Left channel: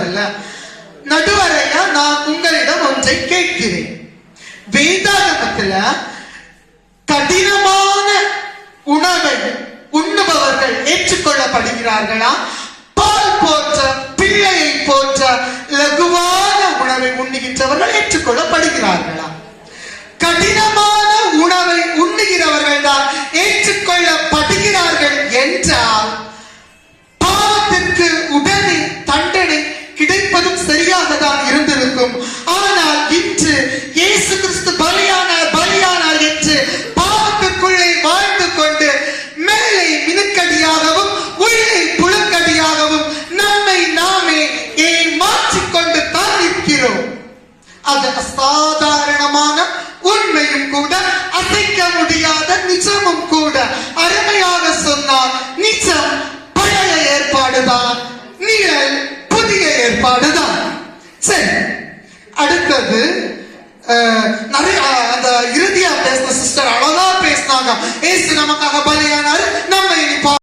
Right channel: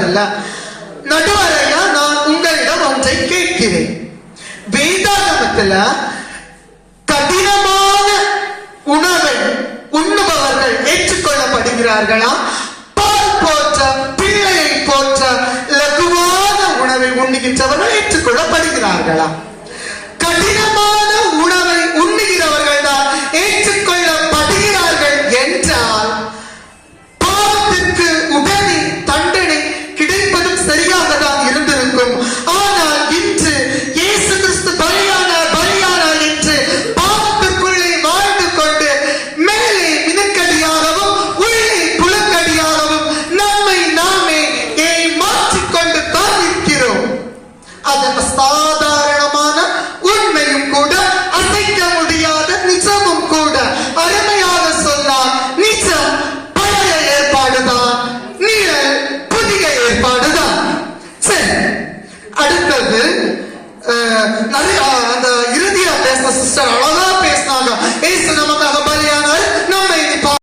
சொல்றதில்ல. நடுவரையா நான் உங்களிடம் ஒன்றை கேட்கிறேன். வேதாகமத்துல கடினமான உணவை உண்ணுபவர்கள் ஏற்றுக்கொள்ளப்படுகிறார்களா? பால் போன்ற பிள்ளையை போன்ற லகுவான உணவை உண்ணுகின்றவர்கள் ஏற்றுக்கொள்ளப்படுகிறார்களா? கடினமான உணவை உண்ணுகிறவர்கள் தான் ஏற்றுக்கொள்ளப்படுகிறார்கள் என்றால் பாவத்திற்கு உடனே தண்டனை கிடைப்பது சரியாக தான் இருந்திருக்கும். ஆனால் இன்று இயேசு கிறிஸ்து பலியானார் என்று பாவத்திற்குள்ளே வாழ்ந்து கொண்டு மேலே மினுக்கடியாகவும் உள்ளே புலக்கடியாகவும் நம்மை நாமே ஏமாற்றிக்கொண்டு தான் இருக்கிறோம். அது அசாதாரணமான உண்மையும் கூட, அசைக்க முடியாத நிஜமும் கூட. அருமையாக சொன்னார், நிஜம் பழைய ஏற்பாடுதான், நிழல் புதிய ஏற்பாடுதான். சரி, அடுத்தது நிறைய அந்த இறுதியா பேசின சிஸ்டர் அழகா பேசினாங்க. ஏசு நமக்காக